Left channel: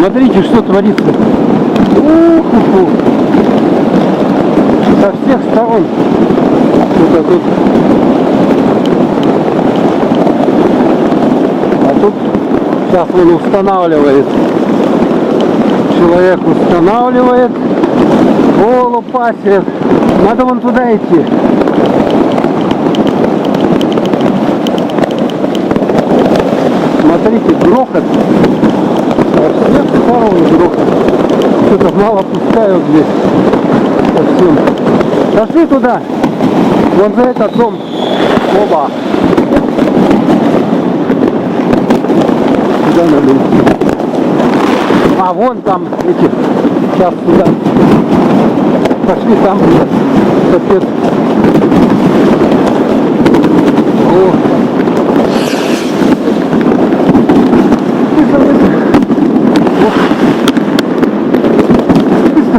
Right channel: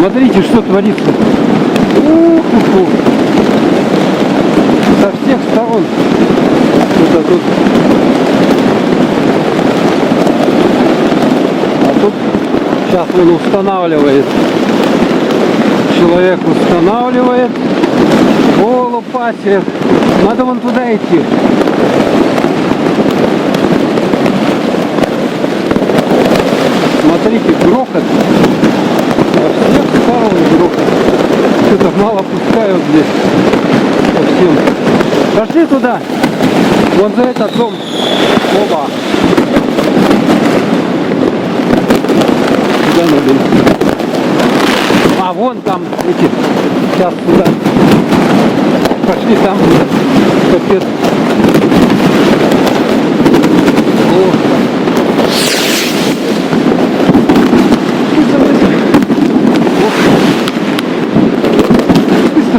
Смотрите, что творится. Ух-ху-ху. Со всех сторон. Что-то тут. А тут сейчас он устанавливает. Человек устанавливает. О, лопатик. Надо вон туда идти. Смотрите, грохот. Со всех сторон грохот. Что-то мало пускают здесь. Совсем. Пошли туда. Вон за этот дом. Оба. Куда надо идти? А, вон там эти. Сейчас туда. Пошли там. Капец. О.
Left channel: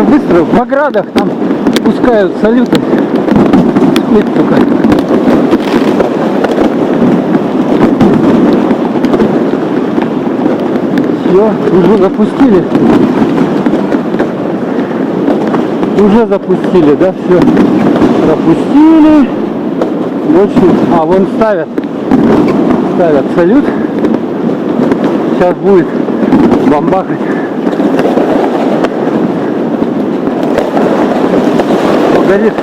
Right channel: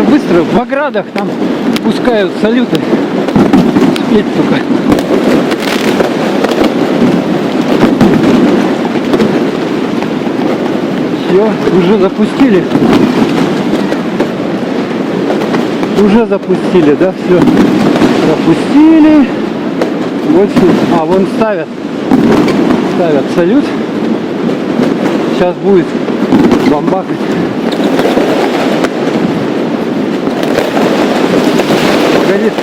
Быстро, в оградах там пускают салюты. Смотрите только. Все, уже запустили. Уже запустили, да, все. Пропустили. Вот все. А, вон ставят. Ставят салют. Сейчас будет бомбахать. Горит.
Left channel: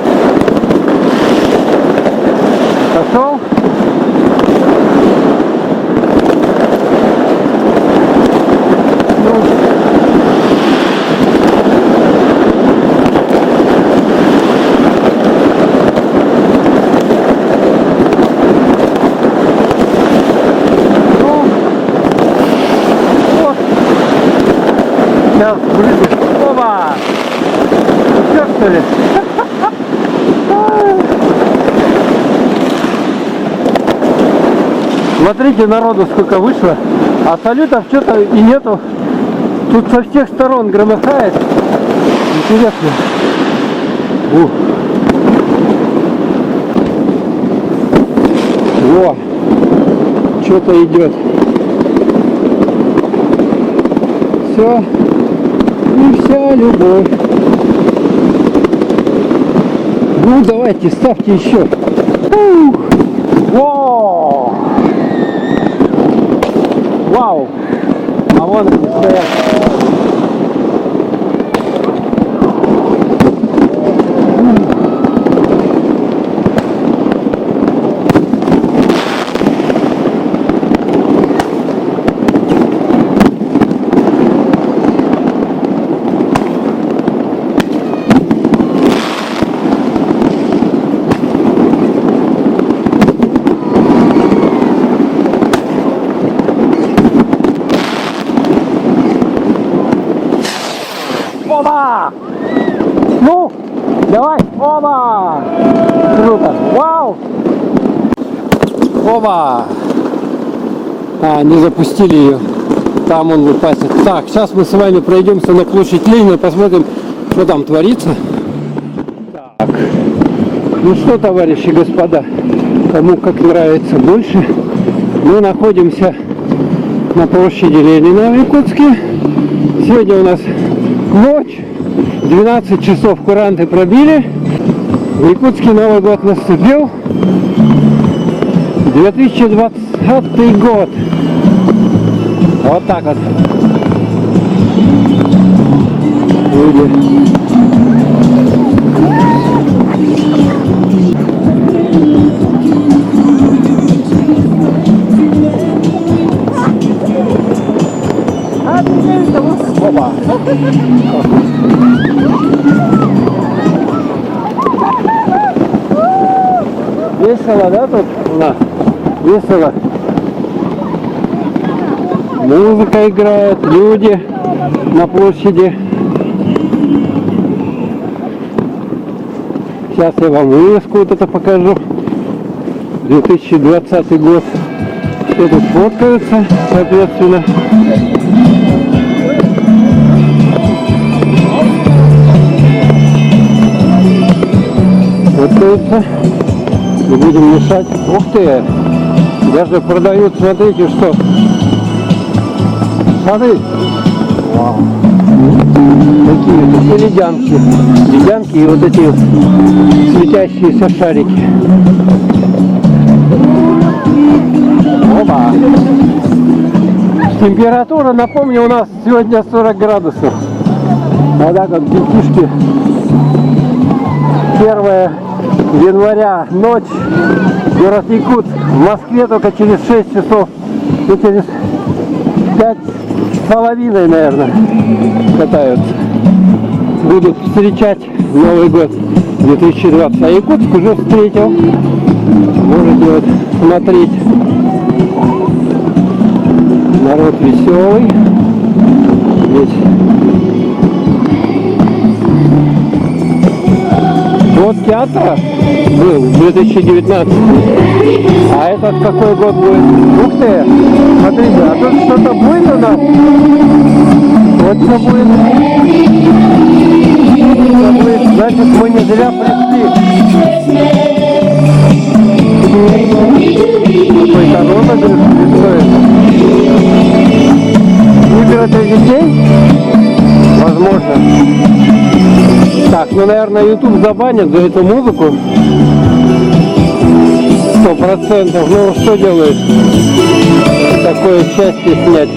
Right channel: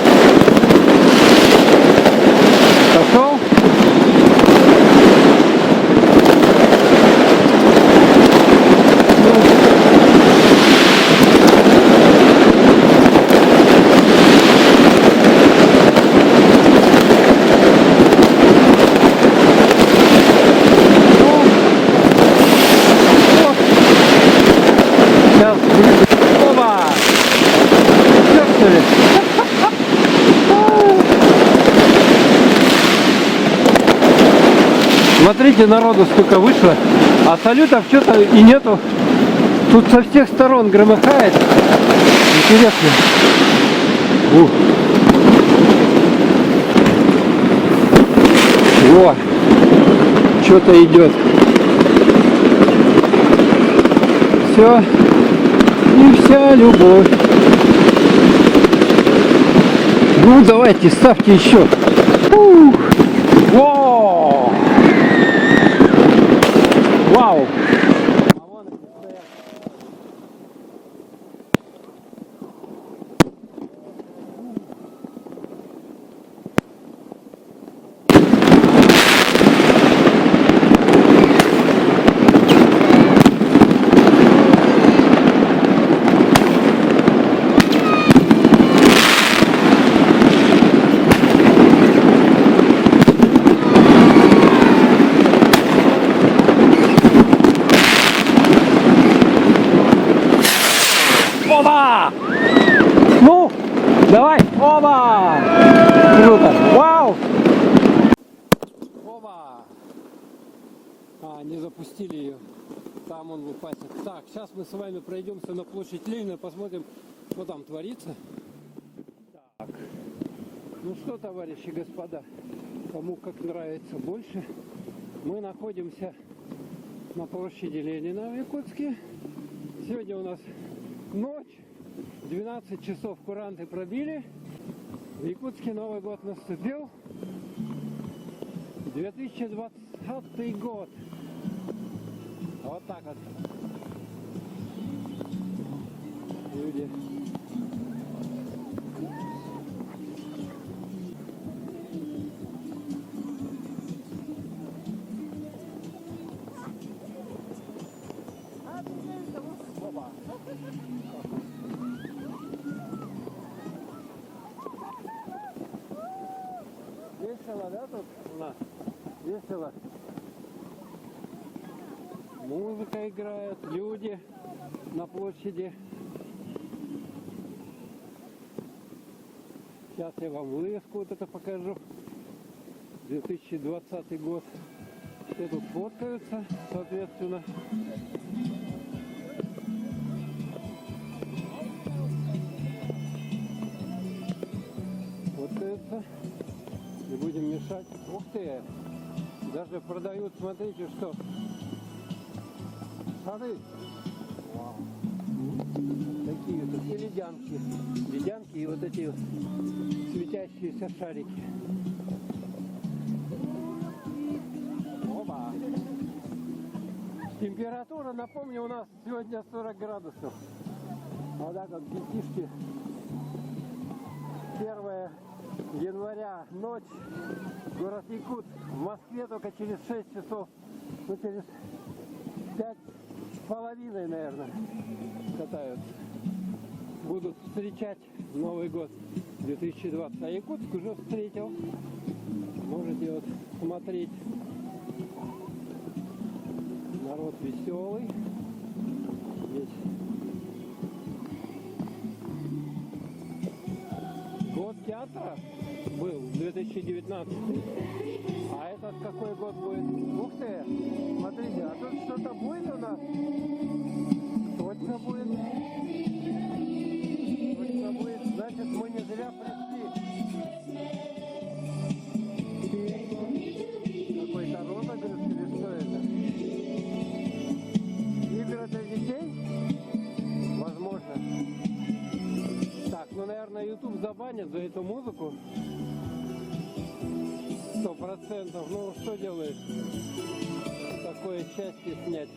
Пошел. Сейчас вылезет. Оба! Все, что ли? Смотрите, народу сколько вышло, а салютов что-то и нету. Тут со всех сторон громыхает. Интересно. Во, что-то идет. Все. И вся любовь. Ну, давайте, ставьте еще. Во! Вау! А вон они стоят. Оба! Ну, давай, оба! Круто, вау! Оба! А, не запустили ее. Там он выпасет. Так, сейчас мы с вами пройдемся на площадь Ленина, посмотрим, что там творится. Так, ну что, товарищи, господа, кому как нравится больше. Мы находимся на площади Ленина в Якутске. Сегодня у нас ночь, 12 часов куранты пробили, в Якутске Новый год наступил, 2020 год, вот так вот. Люди. Опа. Весело, да, тут у нас? Весело. Музыка играет, люди на площади. Сейчас я вам вывеску вот это покажу. 2020 год. Все тут фоткаются, соответственно. Фоткаются. Не будем мешать. Ух ты! Даже продают, смотрите, что. Смотри. Такие вот ледянки. Ледянки и вот эти вот светящиеся шарики. Оба. Температура, напомню, у нас сегодня 40 градусов. Вода как детишки. 1 января, ночь, город Якутск. В Москве только через 6 часов, ну, через 5,5, наверное, катаются. Будут встречать Новый год 2020. А Якутск уже встретил. Можете вот смотреть. Народ веселый. Здесь. Год театра был 2019. А этот какой год будет? Ух ты! Смотрите, а тут что-то будет у нас? Вот что будет. Что будет? Значит, мы не зря пришли. Какой-то розыгрыш стоит. Выберут для детей? Возможно. Так, ну, наверное, YouTube забанит за эту музыку. 100%. Ну, что делает? Такое счастье снять.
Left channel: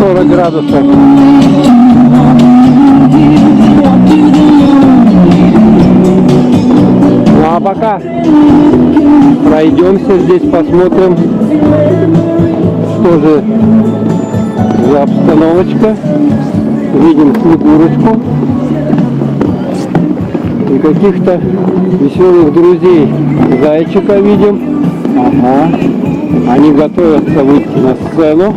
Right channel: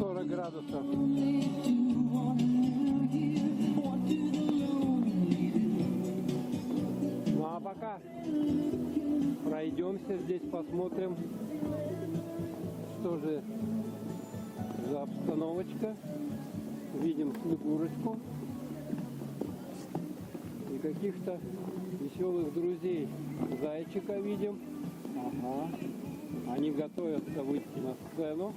40 градусов. Ну, а пока пройдемся здесь, посмотрим, что же за обстановочка. Видим Снегурочку и каких-то веселых друзей. Зайчика видим. Ага. Они готовятся выйти на сцену.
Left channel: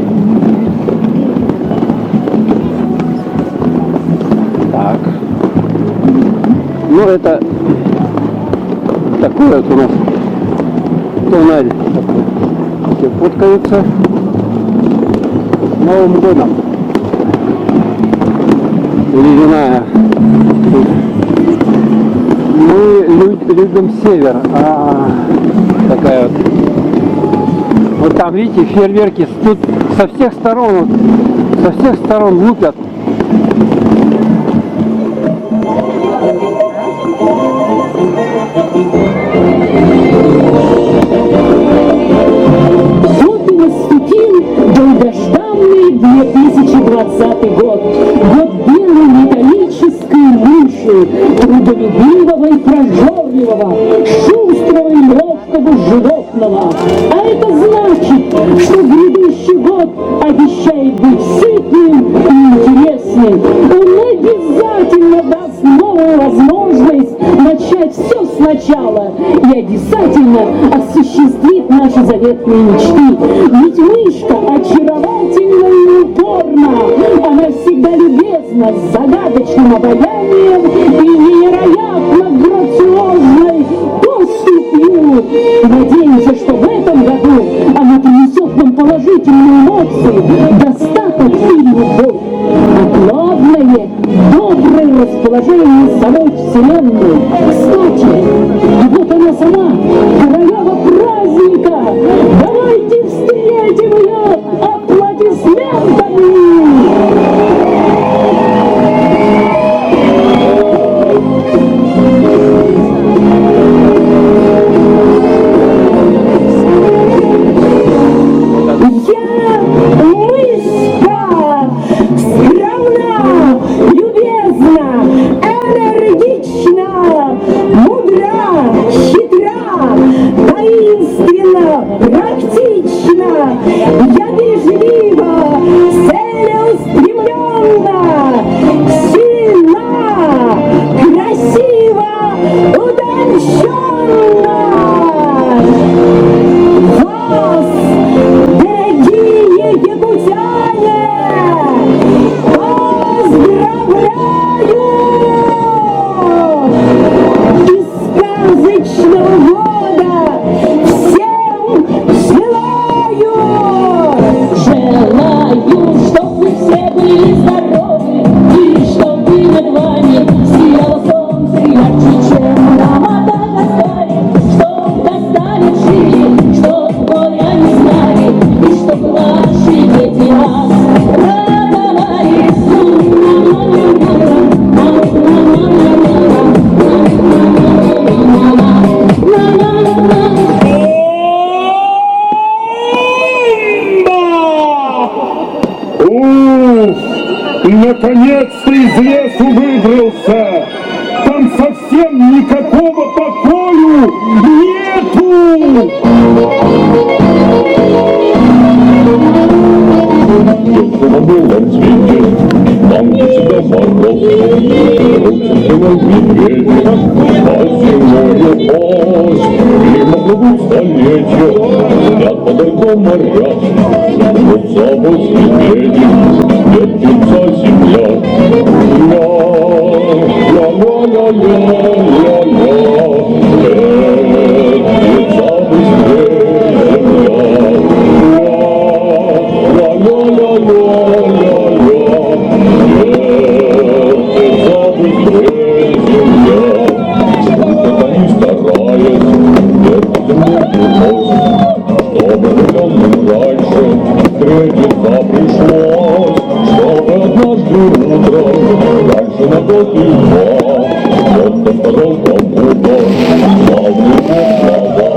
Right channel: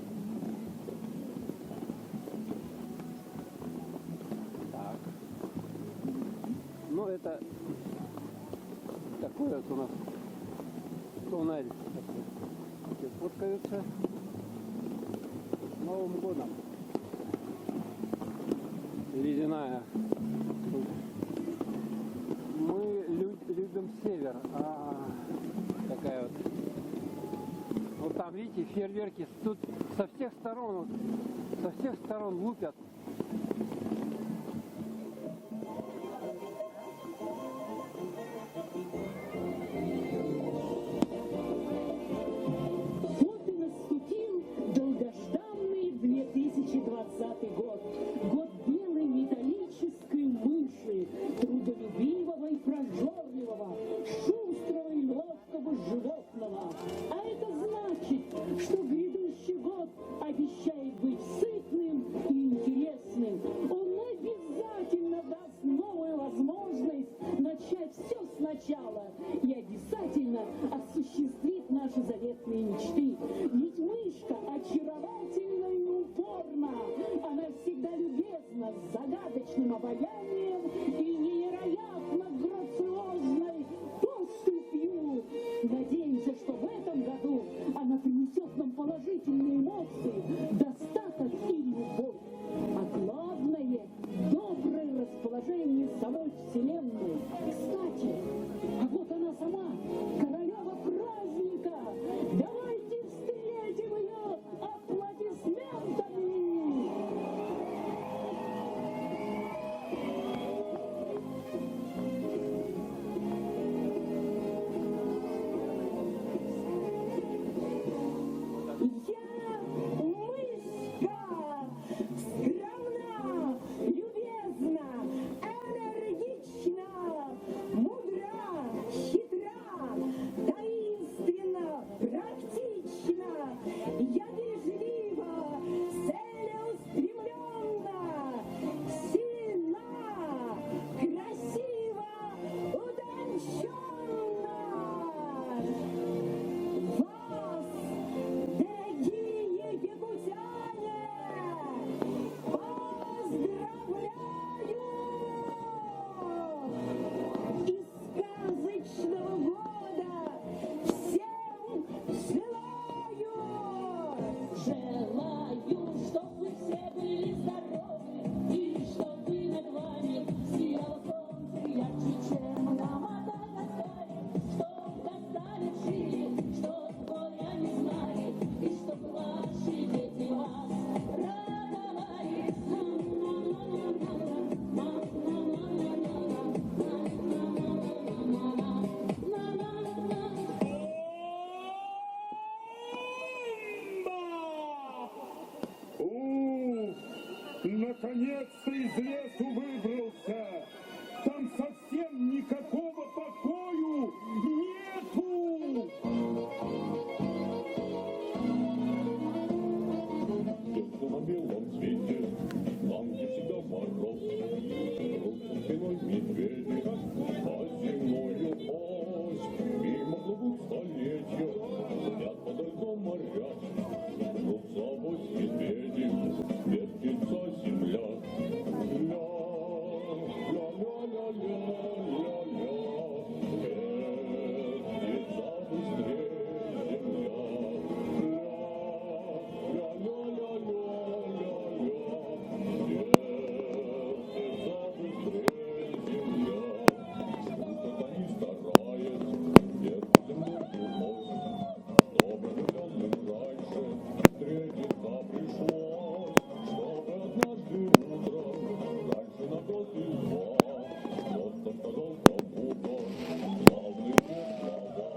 Так. Ну, это такое вот у нас тоннель. Все фоткаются. С Новым годом. Ледяная. Мы любим север. Такая вот. Вот там, видите, фейерверки. Тут со всех сторон лупят. Вот и наступил долгожданный 2020 год. Год белой металлической мыши, трудолюбивого и прожорливого, шустрого и ловкого животного. А это значит, что грядущий год обещает быть сытным и интересным. Он обязательно даст новую возможность начать все сначала и обязательно осуществит наши заветные мечты. Ведь мышка очаровательна и упорна. Она всегда любезна, с загадочным обаянием и невероятно грациозной поступью. Надеемся, что в этом году она принесет нам положительные эмоции, достаток и любовь. А главное, доброе расположение самой Вселенной. Кстати, вот она сама, королева праздника. Давайте встретим ее аплодисментами! Наконец-то из лесу выбрался. Там совсем никакого покою нету. На белом свете, там, где всегда мороз, рубцевый медведь, а зимою пост. Мимо плывут столетия, спят подо льдом моря, рубца без медведей, вертится земля. Ля-ля-ля-ля-ля-ля-ля, вертится быстрее земля. Пришлось, чтобы однажды утром, раньше на год и два, кто-то сказал кому-то славные слова.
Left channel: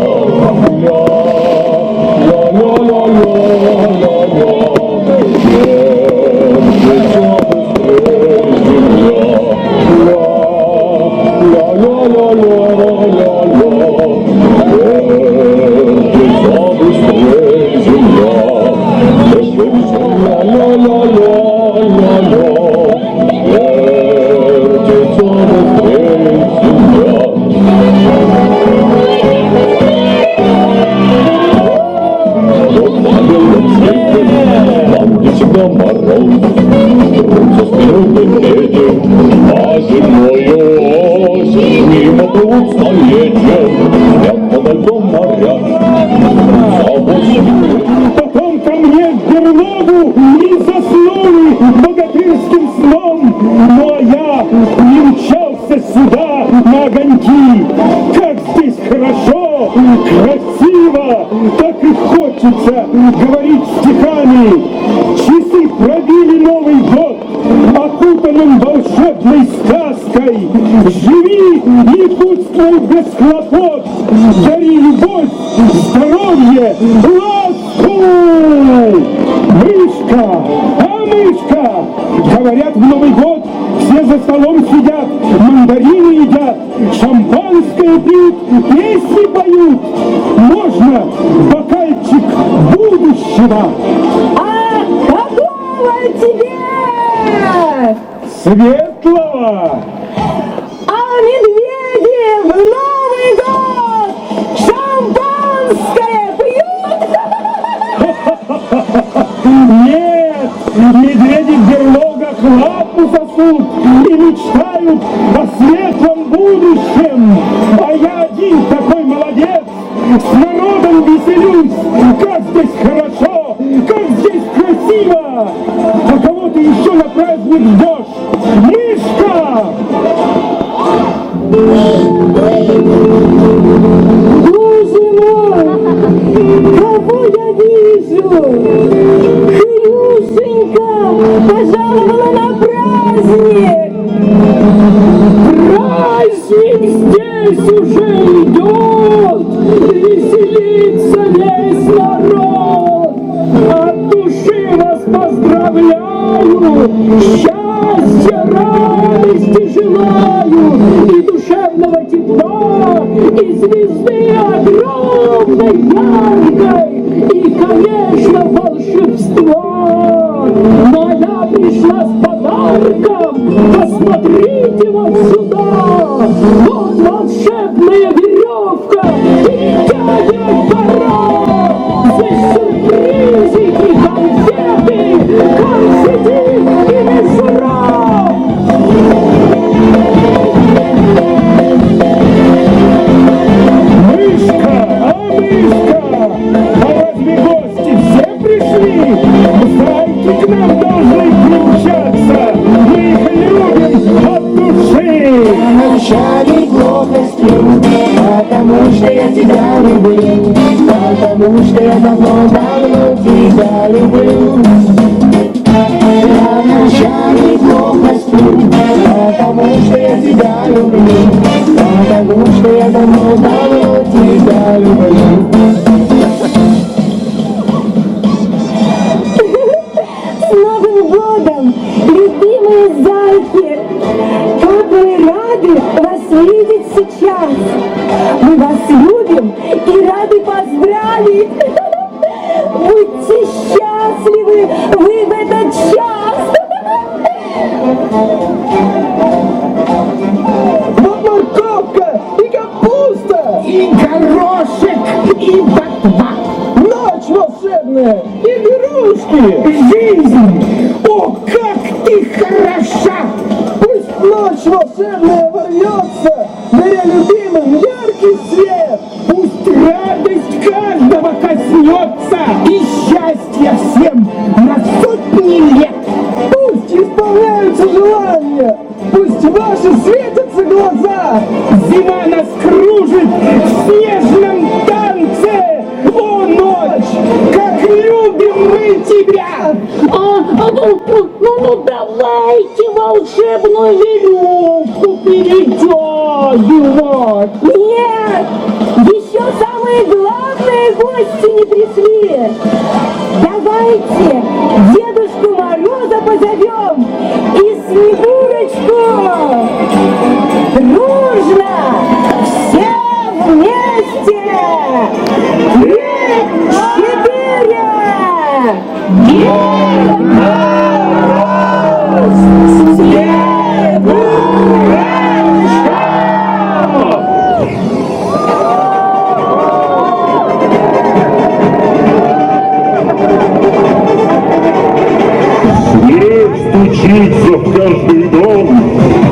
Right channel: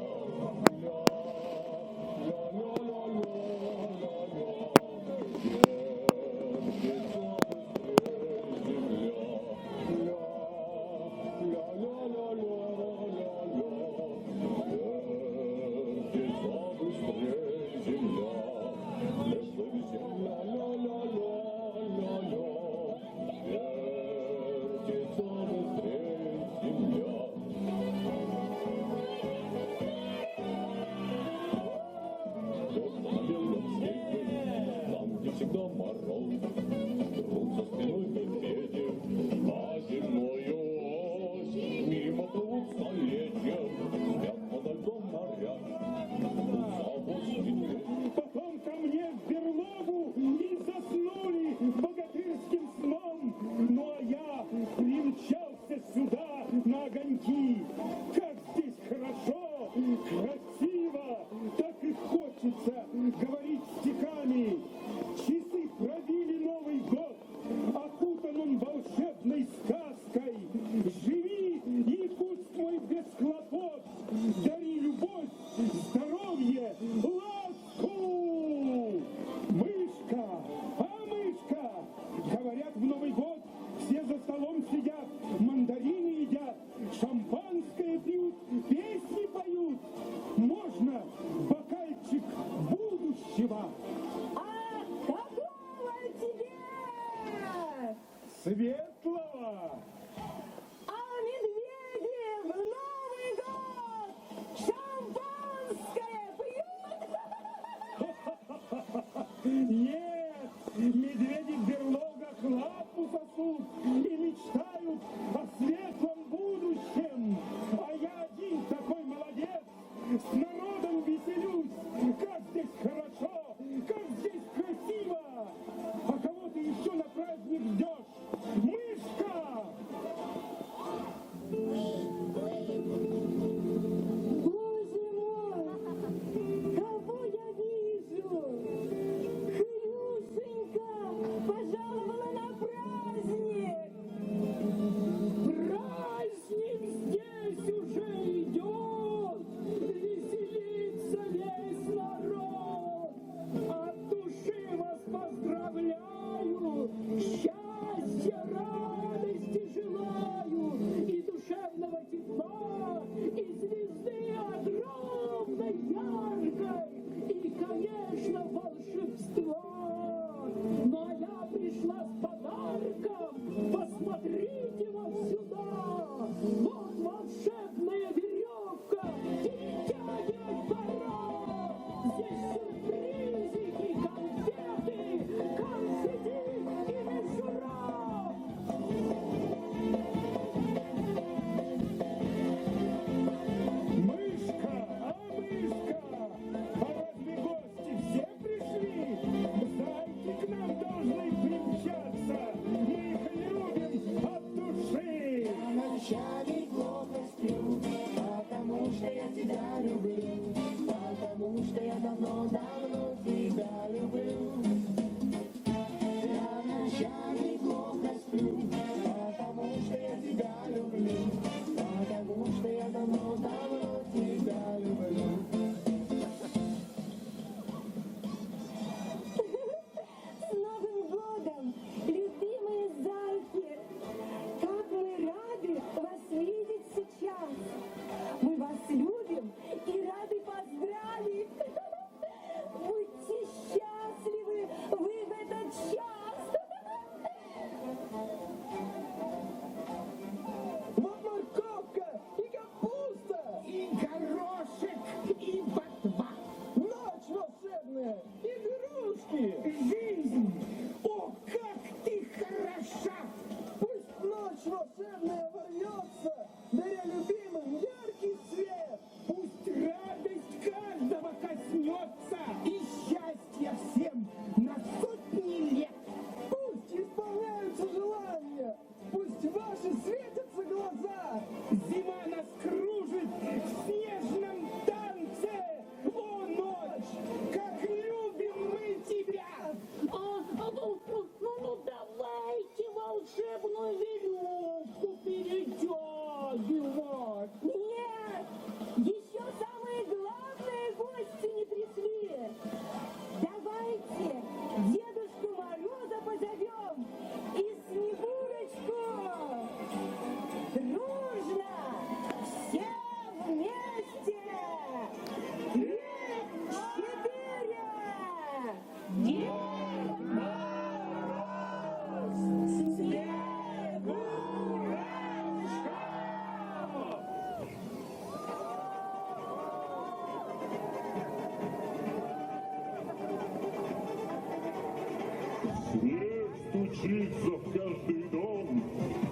Ля-ля-ля-ля-ля-ля, вертится быстрее земля. Ля-ля-ля-ля-ля-ля, вертится быстрее земля. Там, где всегда мороз, трутся спиной медведи, а зимою ось мимо плывут столетия, спят подо льдом моря. Потом ко мне в берлогу и заснули богатырским сном. Ну а я не мчался сюда на огоньки. Как здесь хорошо, красиво, так и хочется говорить стихами. Часы пробили Новый год, окутанным волшебной сказкой. Живи и будь твой без хлопот, дари любовь, здоровье, ласку. Мышка, а мышка, говорят, в Новый год все за столом сидят, мандарины едят, шампанское пьют, песни поют. Можно бокальчик будущего? А какого тебе? Светлого. А медведи в Новый год шампанское пьют? Нет, медведи в берлогах лапу сосут и мечтают о светлом будущем. А я один такой молодец, с народом веселюсь. Как здесь хорошо, как здесь красиво. А кого ты еще на праздник ждешь? Мышка! Боже мой, кого я вижу? Хрюшенька пожаловала на праздник. Праздник здесь уже идет, веселится весь народ. От души вас поздравляю, счастья, радости желаю, и душевного тепла, и звезды огромной, яркой, и, конечно, волшебства. Но я пришла с подарком, посмотрите вот сюда. Вот волшебная веревка, и дядя пора. Здесь сюрпризики, конфеты, конфеты и мишура. Мышка, а разве гости все пришли? Зайки к нам должны примчаться, мы их любим от души. Начальник блока годом, любимые зайки! Как мы рады вас видеть сейчас! Мы вас любим и рады поздравить! Будьте счастливы вы в этот час! Вот морковка и капуста, И горошек, и ботва. ночь волшебная и игрушки. Жизнь! О, как ты хороша! Пусть ночь волшебная ворвется, даря любимым яркий свет. Пусть радость каждого коснется и счастье всем на сотни лет! Пусть исполняются желания, пусть ваши светятся глаза. Зима нас кружит в снежном танце! О, ночь! Как любим мы тебя! Ну, давайте волшебную веревку перетягивать! Нет! Еще самые главные гости не пришли! Давайте Дедушку Мороза позовем и Снегурочку! Дружно! Все вместе! 3, 4! Дед Мороз! Снег стучится в каждый дом,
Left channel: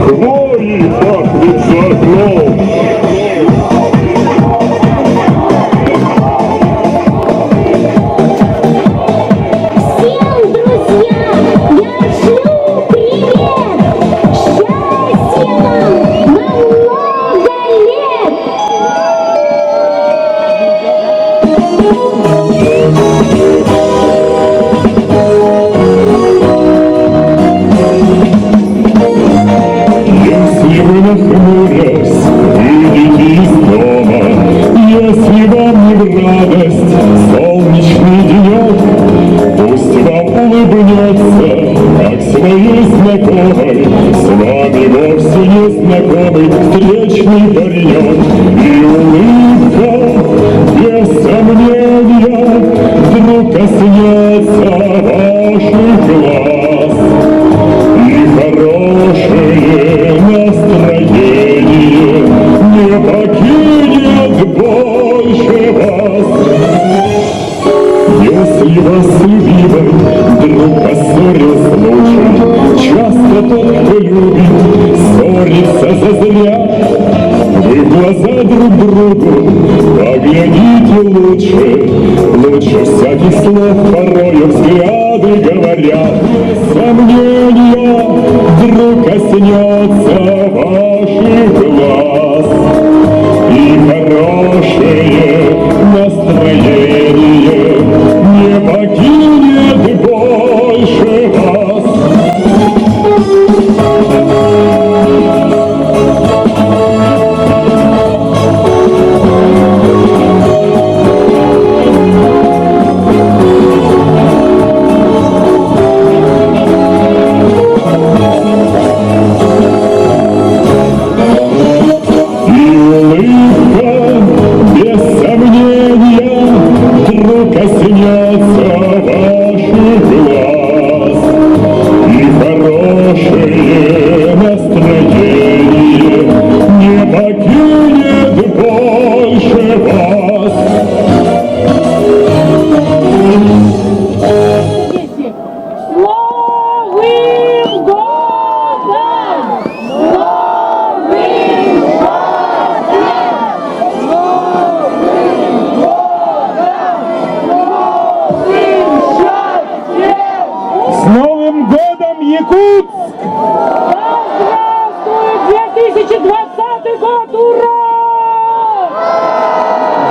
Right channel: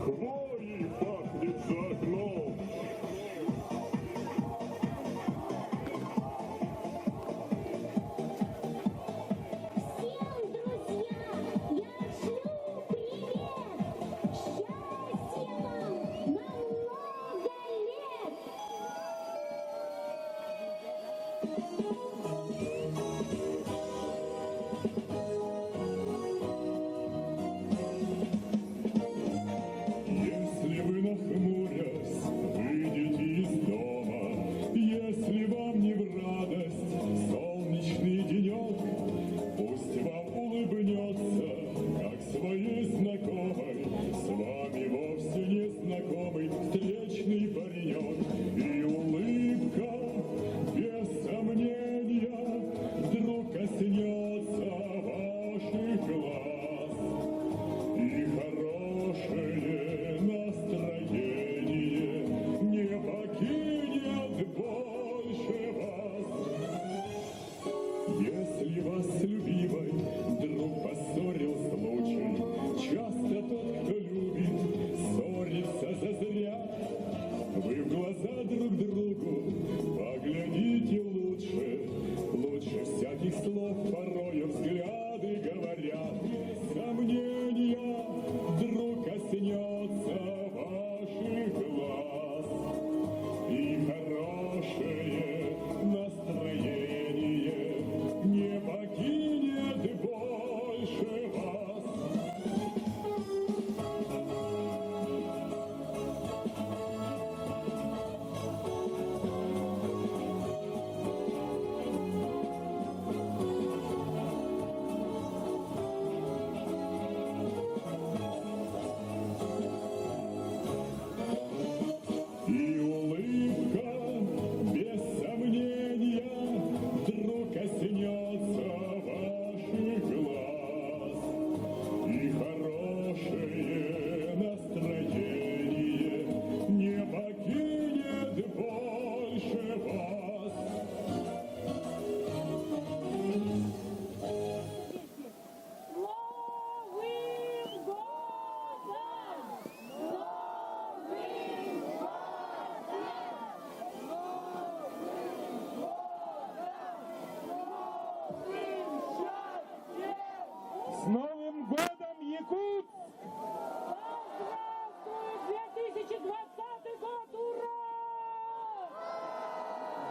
хвоей пахнет за окном. Всем, друзья, я шлю привет! Счастья вам на много лет! Если вы нахмурясь выйдете из дома, если вам не в радость солнечный денек, пусть вам улыбнется, как своей знакомой, с вами вовсе не знакомый встречный паренек. И улыбка, без сомнения, вдруг коснется ваших глаз. И хорошее настроение не покинет больше вас. Если вас любимый вдруг поссорил случай, часто тот, кто любит, ссорится зазря. Вы в глаза друг другу поглядите лучше, лучше всяких слов порою взгляды говорят. Сомнения вдруг коснется ваших глаз, и хорошее настроение не покинет больше вас. И улыбка, без сомнения, вдруг коснется ваших глаз. И хорошее настроение не покинет больше вас. Новым годом! Новым С Новым годом, Якутск! Здравствует 2020 год! Ура!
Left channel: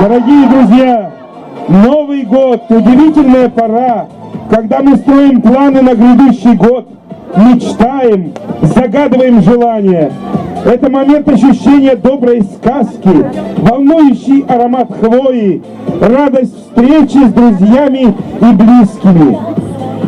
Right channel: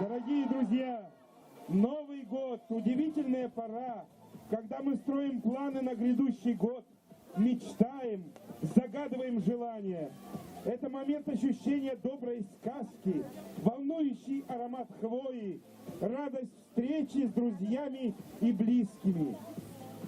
Дорогие друзья, Новый год – удивительная пора, когда мы строим планы на грядущий год, мечтаем, загадываем желания. Это момент ощущения доброй сказки, волнующий аромат хвои, радость встречи с друзьями и близкими.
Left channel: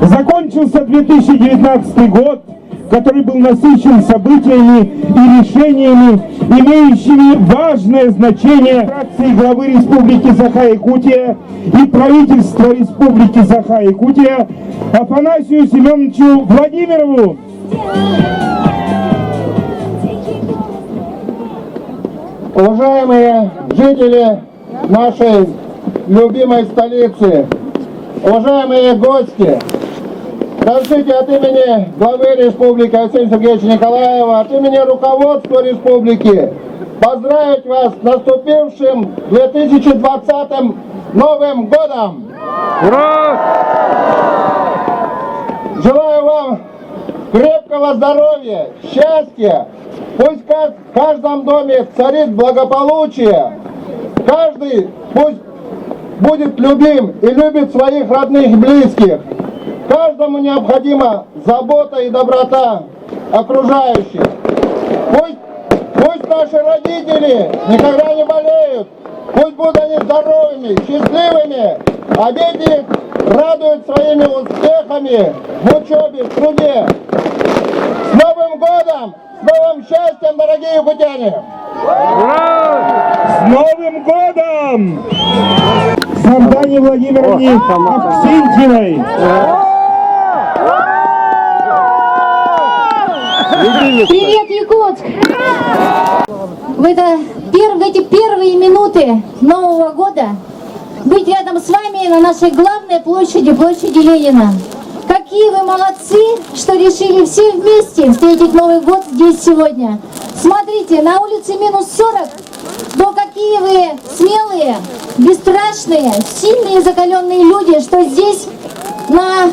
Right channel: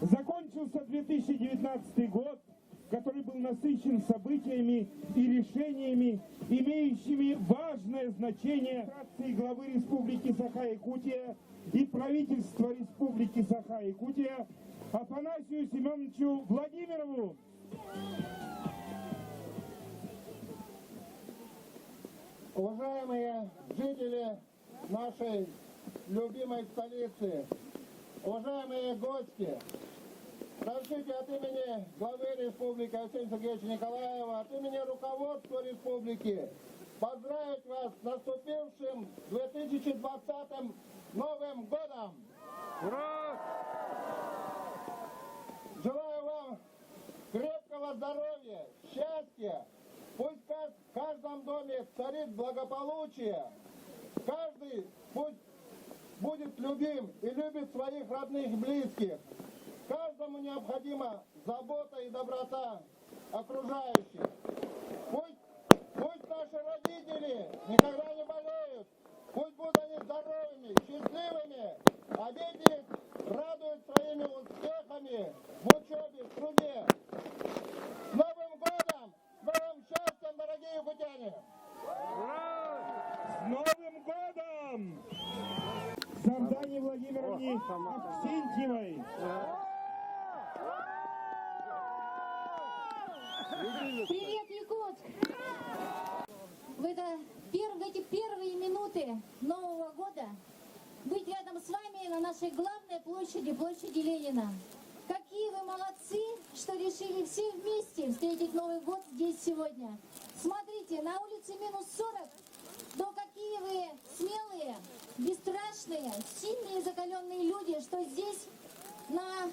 Закончился 2019 год, который был насыщен событиями и решениями, имеющими важное значение фракции главы Республики Саха-Якутия и правительства Республики Саха-Якутия Афанасию Семеновичу Владимирову. Уважаемые жители нашей любимой столицы, уважаемые гости, разрешите от имени главы республики Арсения Сергеевича Николаева, от имени руководства республики поздравить вас с наступившим 2020 Новым годом! Ура! Желаю вам крепкого здоровья, счастья, пусть в каждом доме царит благополучие, каждый пусть будет любим и любит своих родных и близких. Каждому необходима забота и доброта окружающих. Пусть наши родители никогда не болеют, пусть будут они здоровыми, счастливыми, а дети радуют своими успехами в учебе, в труде. С Новым годом! С новым счастьем, дорогие якутяне! С Новым годом! Сандане Владимировне Аксентьевой. Привет, Якутск! В эти первые минуты Нового года быть рядом с вами на нашей главной площади, площади Ленина. Какие вы молодцы, что решили все вместе встретить Новый год здесь сегодня. Смотрите, на улице минус 40, но какие вы смелые, бесстрашные, сильные, закаленные люди, что здесь на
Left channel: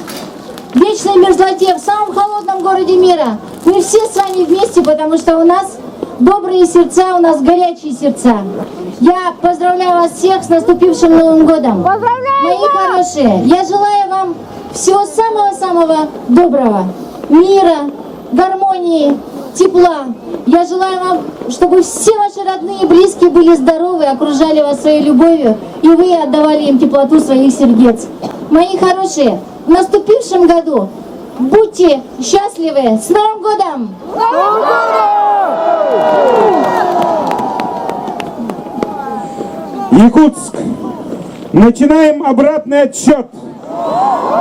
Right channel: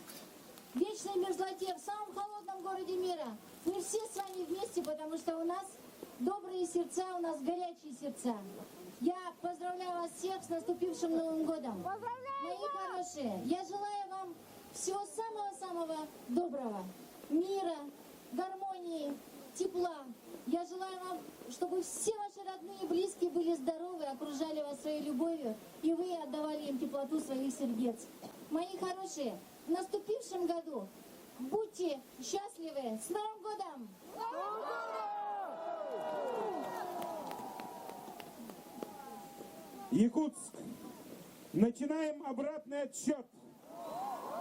вечной мерзлоте, в самом холодном городе мира, мы все с вами вместе, потому что у нас добрые сердца, у нас горячие сердца. Я поздравляю вас всех с наступившим Новым годом. Мои хорошие, я желаю вам всего самого-самого доброго, мира, гармонии, тепла. Я желаю вам, чтобы все ваши родные и близкие были здоровы, окружали вас своей любовью, и вы отдавали им теплоту своих сердец. Мои хорошие, в наступившем году будьте счастливы! С Новым годом! Якутск. Начинаем обратный отсчет.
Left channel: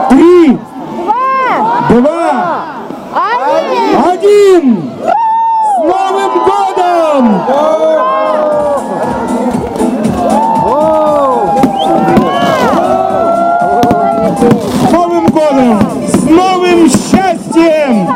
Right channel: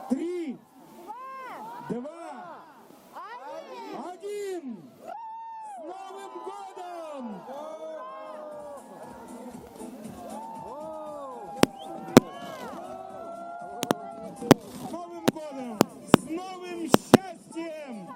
3, 2, 1. С Новым годом! С Новым годом! С новым счастьем!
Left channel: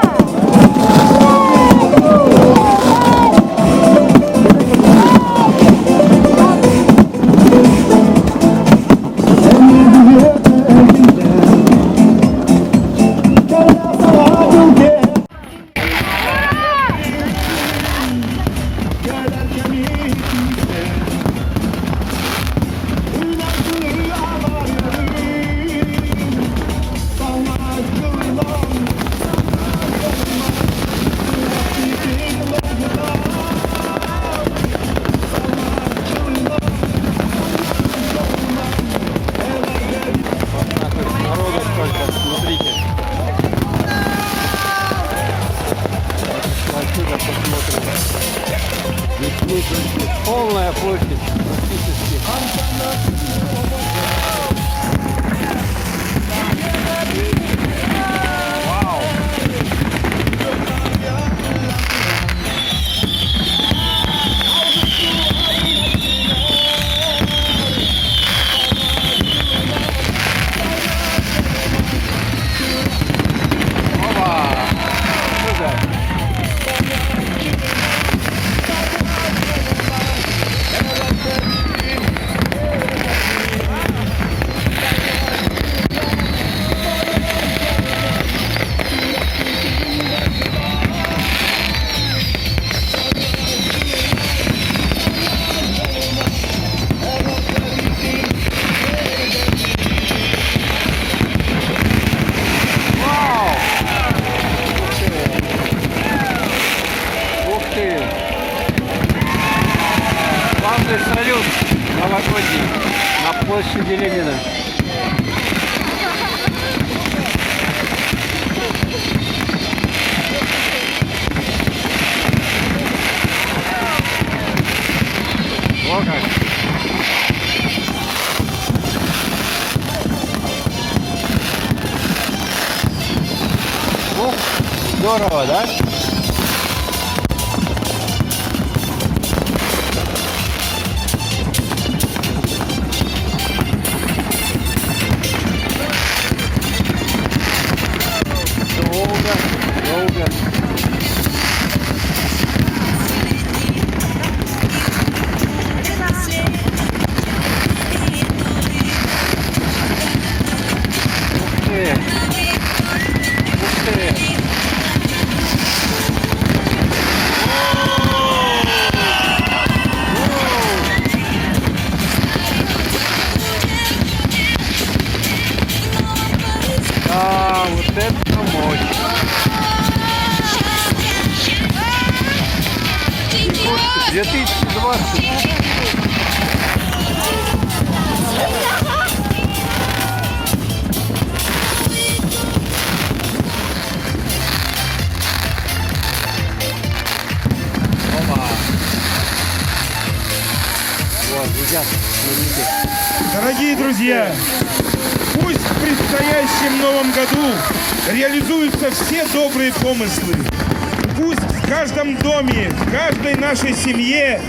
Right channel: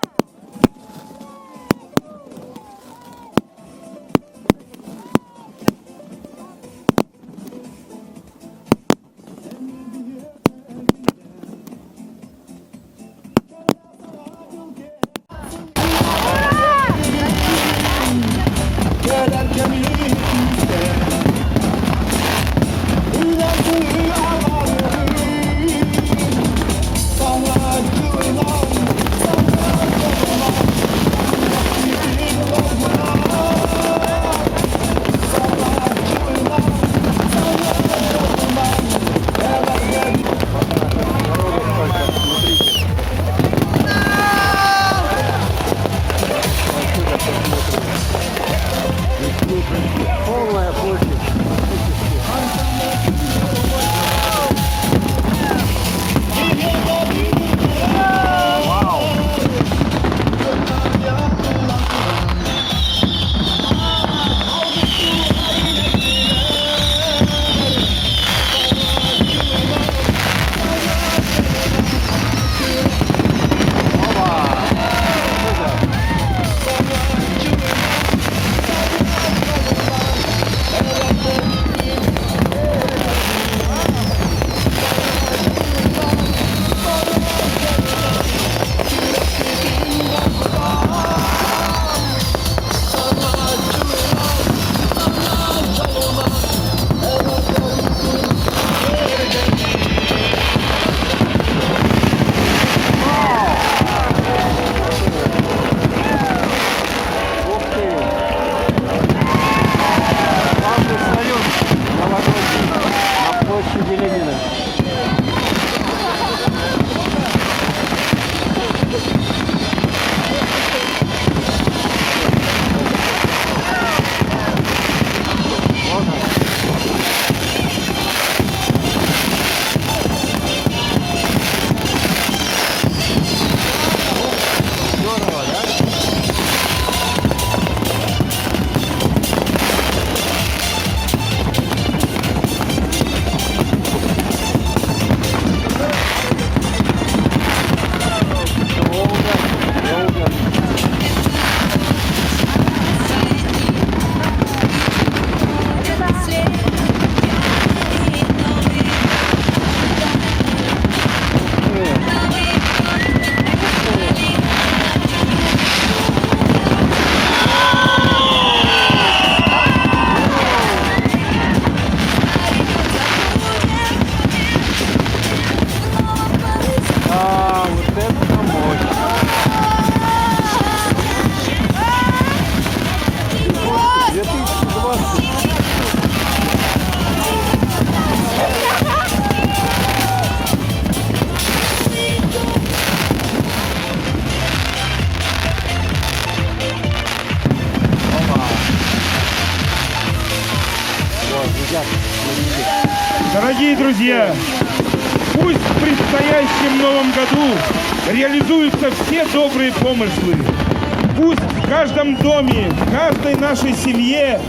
Полная площадь. здорово, да? Долго. Вот это мощь. 2020. Вот, ребят, Дорогие друзья, пусть в предстоящем новом году реализуются все добрые помыслы. Пусть в каждом доме, в каждой нашей семье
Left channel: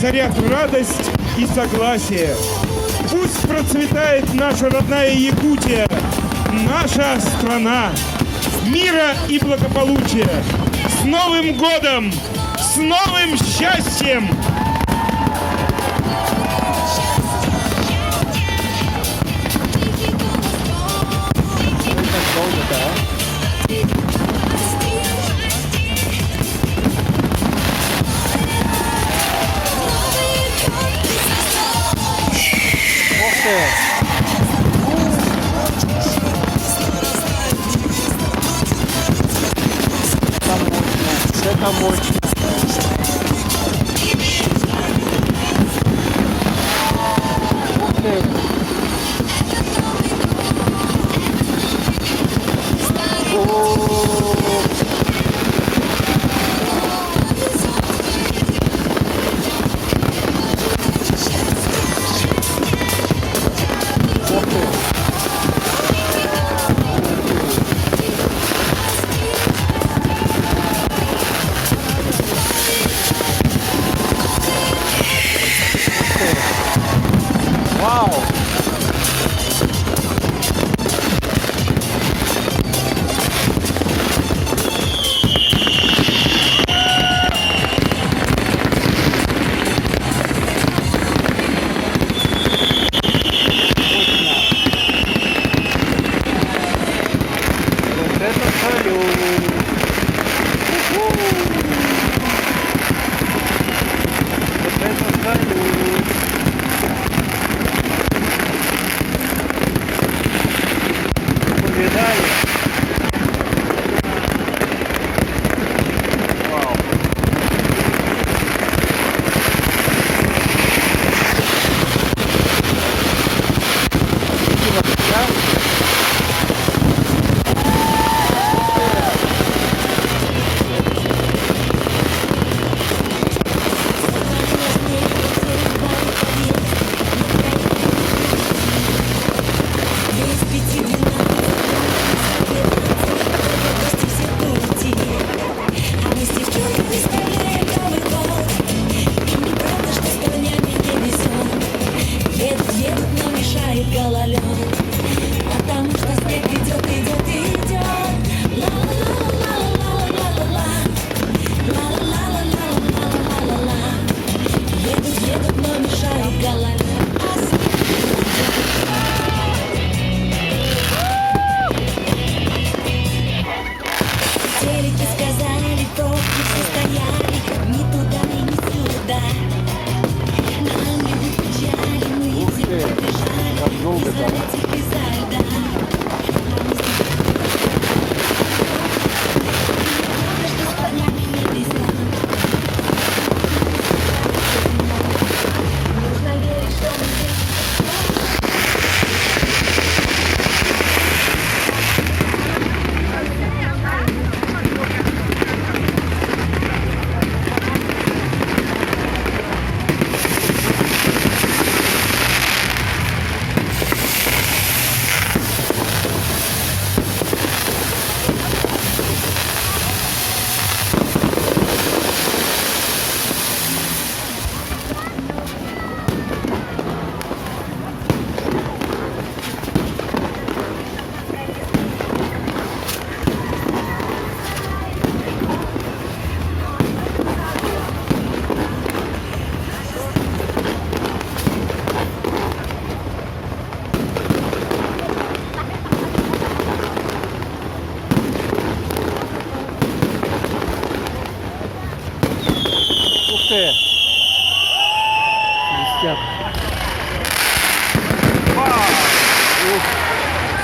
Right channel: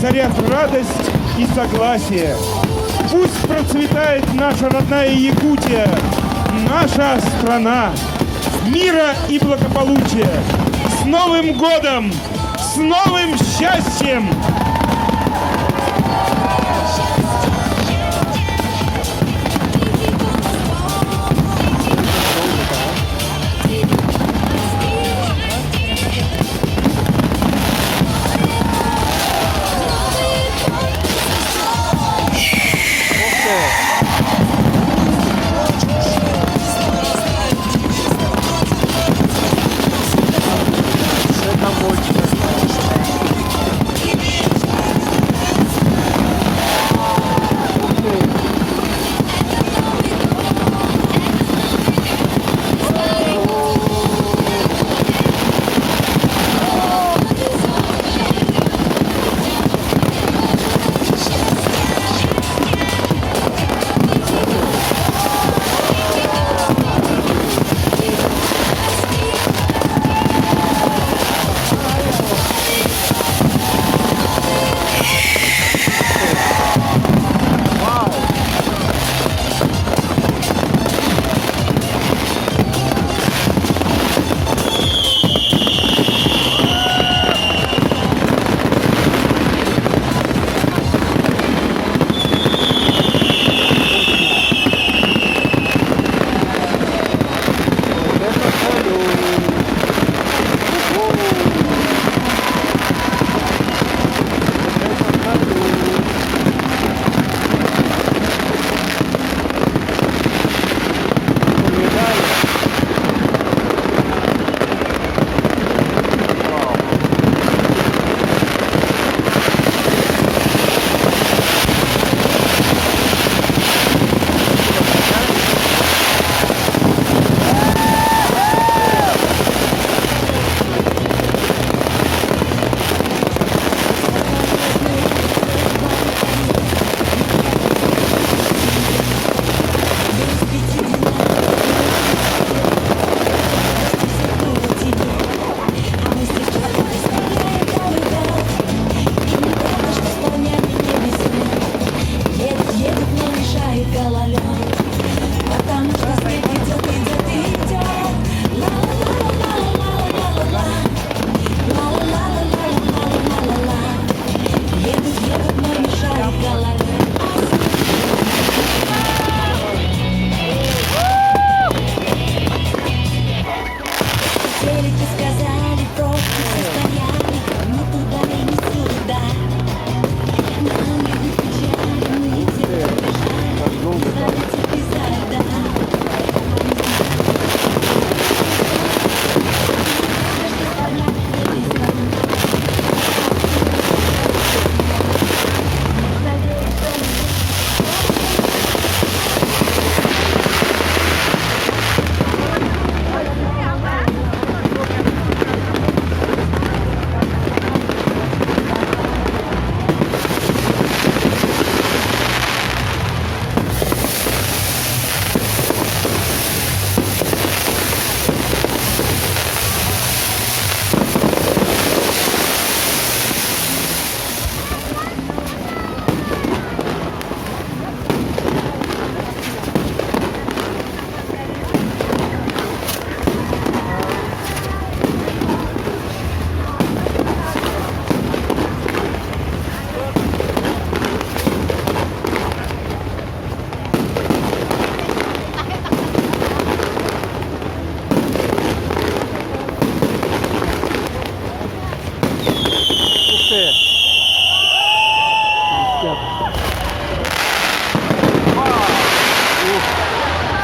царят радость и согласие. Пусть процветает наша родная Якутия, наша страна. Мира и благополучия. С Новым годом! С новым счастьем!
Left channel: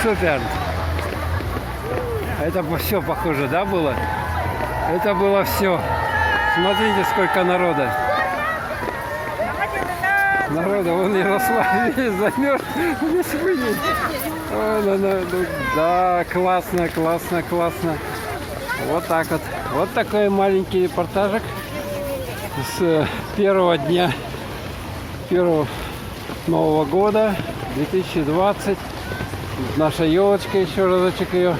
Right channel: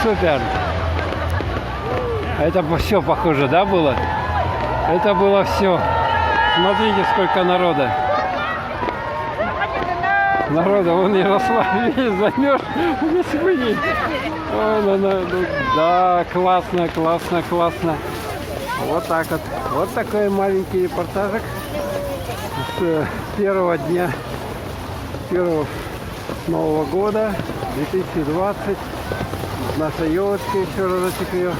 супер. Это все похоже, да, было? Это было все. Смотрите, сколько народа. Народа, вон Ярослав весь замерз, весь вынес. Да, классно, классно, классно. Вот так вот. Вот такой маленький репортажик с первого дня, первого Нового года 2020. Наша елочка, еще разочек ее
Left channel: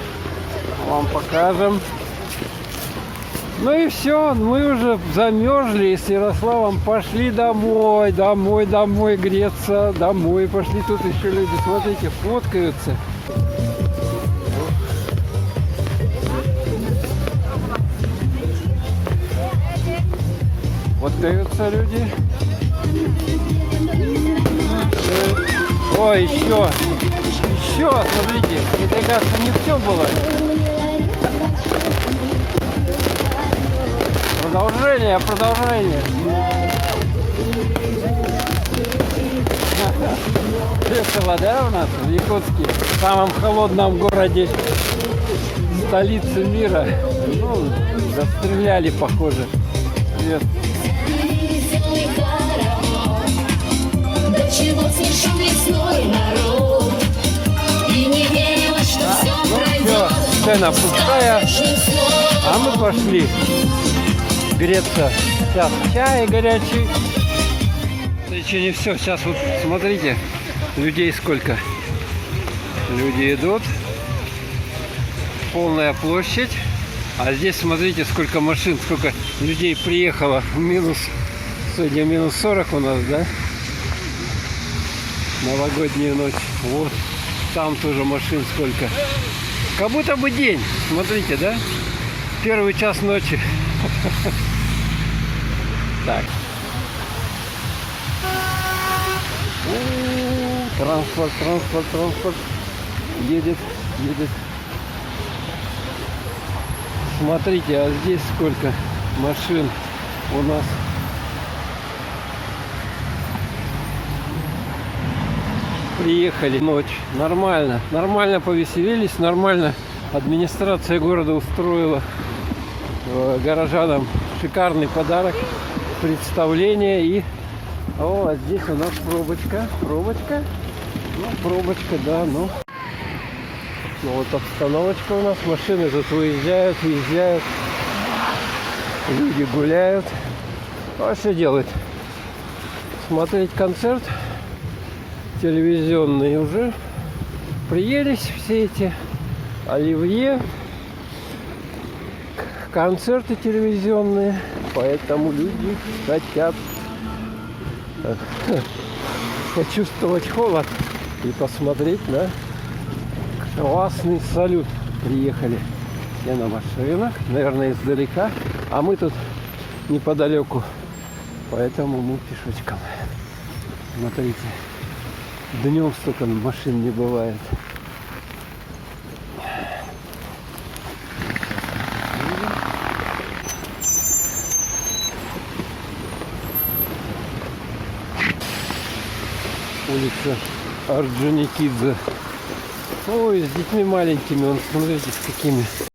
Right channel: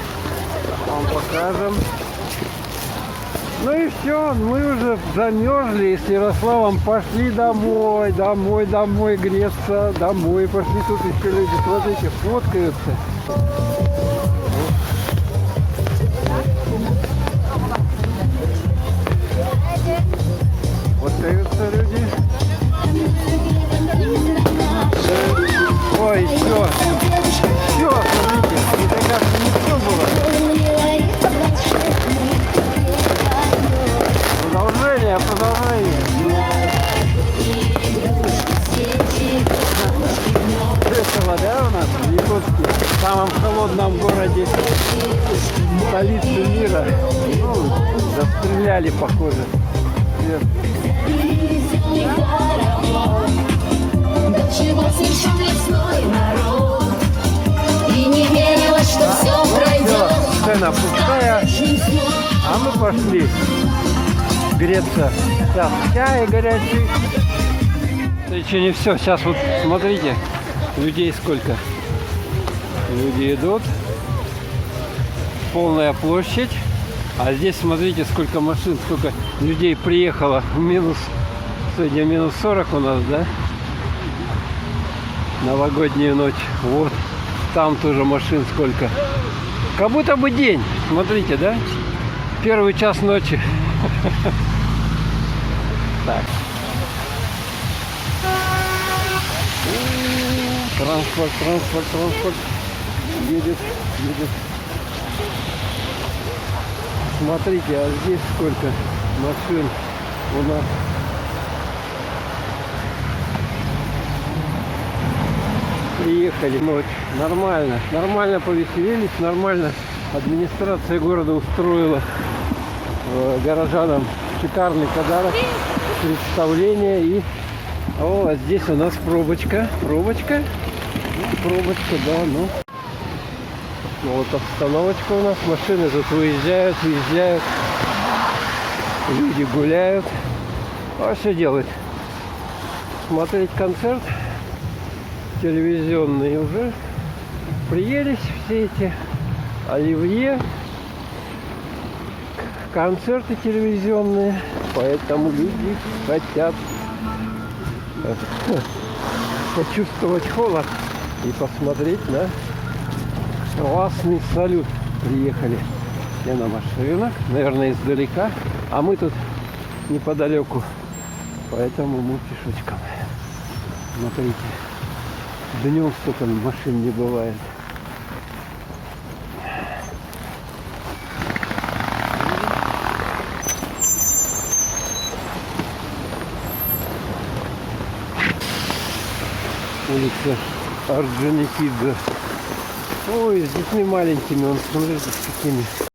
вам покажем. Ну и все, мы уже замерзли и с Ярославом пошли домой, домой греться, домой пошли. Тут еще люди, смотрите, фоткаются. Фоткаются люди. Ой, еще, смотрите, это как не все было. Продолжение. Весело, да, у нас в Якутске, в самом холодном городе, столице мира. Ну, застреляли, похоже. Нет. Чего слишком лесной народ, и не верила, что все пройдет. Сцена пустая, а мы пошли греться. Сейчас чай горячий. Это еще не все. Сейчас вот смотрите, людей сколько. Люди идут. Полная площадь. А здесь смотрите, сколько машин, сколько людей приехало. Сегодня минус 40 у нас, да? Новогоднюю ночь. Вот. Там тоже машин сколько. Как будто бы день. Смотрите, да? Первый час ночи. Так. Транспорт. Едет. Смотрите, а здесь сколько машин у нас. Приехали ночь. Нормально повеселились, нормально. Администрация города устроила горожанам шикарный подарок, представление. И а здесь у нас пробочка, да, ну. Вот обстановочка у нас, машины тут выезжают, люди гуляют. А что делать? Смотреть концерт телевизионный уже. Приелись все эти оливье, концерты телевизионные, поэтому люди хотят почувствовать холод и посмотреть на классный салют. Приехали все на машинах, наверное, издалека, а мы тут неподалеку, поэтому мы пешочком. Смотрите, днем столько машин не бывает. Улица Орджоникидзе. Ой, с детьми маленькими, он, смотрите, с какими.